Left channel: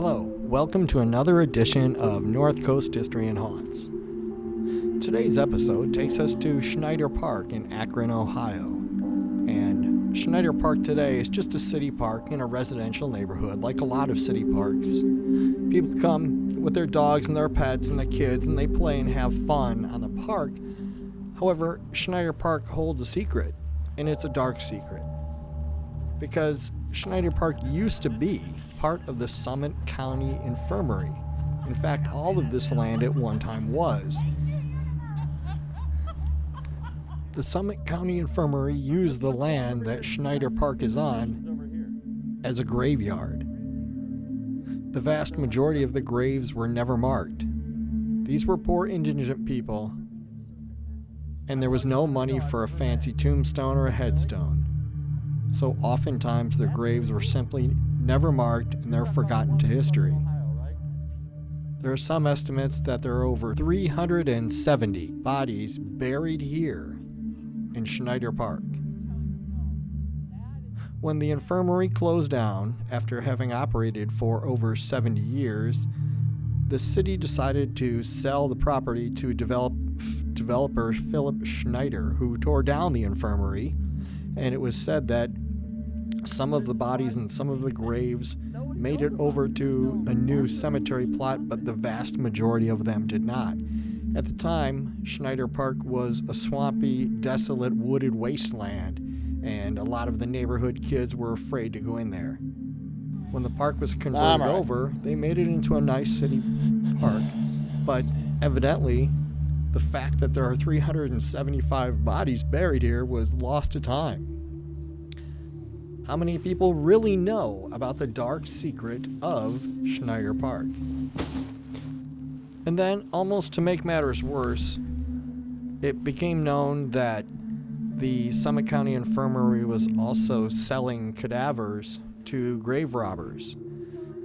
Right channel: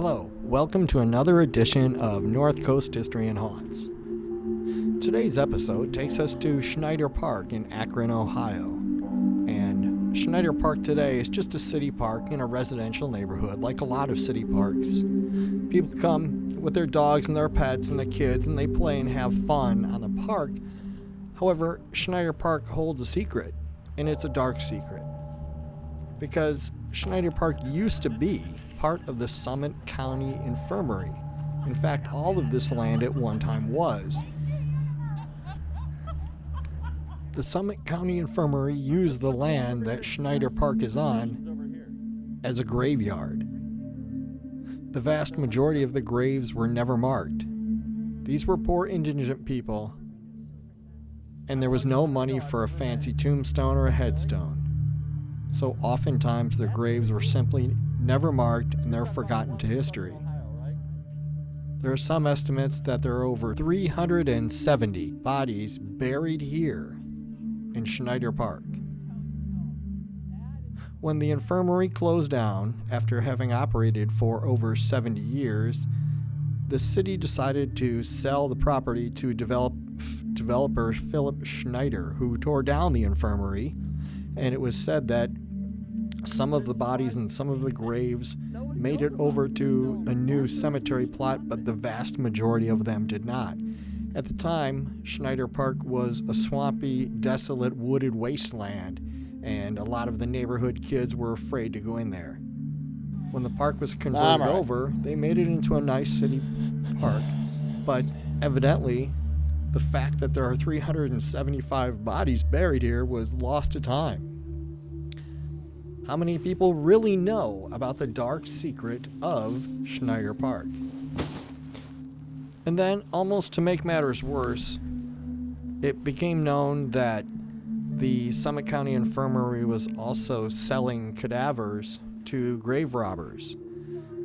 Hello, welcome to another edition of North Coast History and Haunts. Today's episode takes us to Schneider Park in Akron, Ohio. And Schneider Park today is just a city park in a residential neighborhood, like a lot of city parks. People come with their dogs and their pets and their kids, and they play and have fun on the park. However, Schneider Park holds a secret, and it's a dark secret. Because Schneider Park used to be part of the Summit County Infirmary. In fact, all of this land at one time was. The Summit County Infirmary used the land that Schneider Park is on as a graveyard. The vast majority of the graves were never marked. These were poor indigent people, and there was no money for a fancy tombstone or a headstone. So oftentimes their graves were simply never marked and they're forgotten to history. There are some estimates that there are over 370 bodies buried here in Schneider Park. When the infirmary closed down after having operated for over 70 years, the city decided to sell the property to developer Philip Schneider, who tore down the infirmary. And it was said that some of the bodies and some of the graves made it over to a new cemetery plot, but the vast majority of them did not. At the time, Schneider Park was a swampy, desolate, wooded wasteland, and a lot of the neighborhood kids were afraid to go in there. When the park was converted over, they made it into a nice city park, but evidently, the fact that there are 375 bodies buried here was lost to time. How many people really know about the dark secret of Schneider Park? And then, almost to make matters worse, it became known that the Summit County Infirmary was also selling cadavers to grave robbers.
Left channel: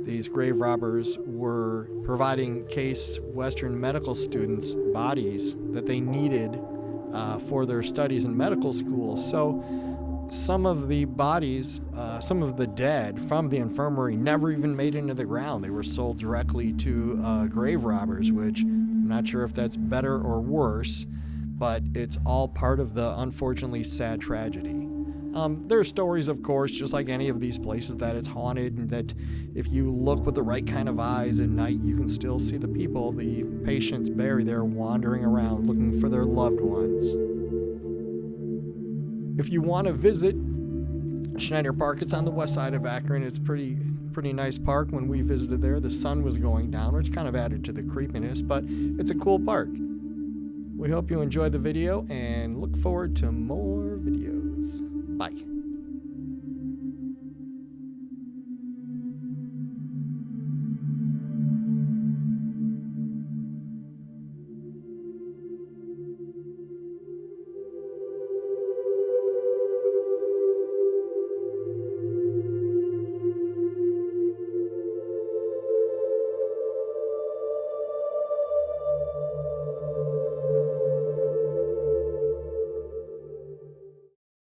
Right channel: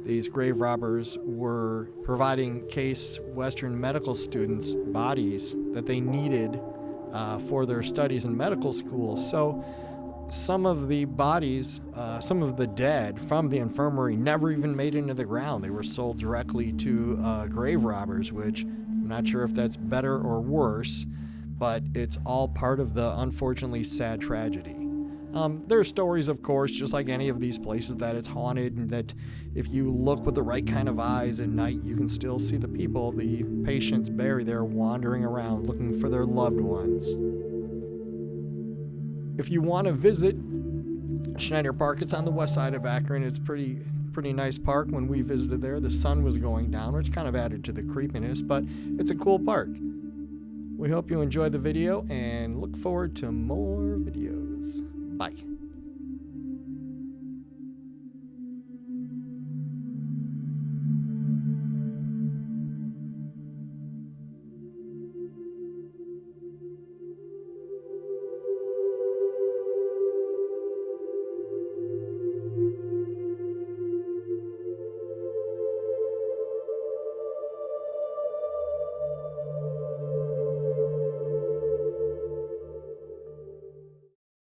These grave robbers were providing Case Western medical students bodies that they needed for their studies in medical school. So some of the bodies, some of the dead from the infirmary never even made it into the ground. They were sold directly to grave robbers, which I'm not sure if that's better or worse, but it's all part of the unfortunately sad tragedy. There are stories, of course, just like any of these places, that it's haunted, and that if you look with the right kind of eyes at night, you can still see the people, the patients buried there, wandering around looking for their loved ones. If you want to visit Schneider Park, it's on the west side of Akron. It's pretty nice park. When we visited there, the sun was going down, which kind of added to the creepiness, but it's a cool park. We hope you enjoyed the video and look forward to more videos. Bye.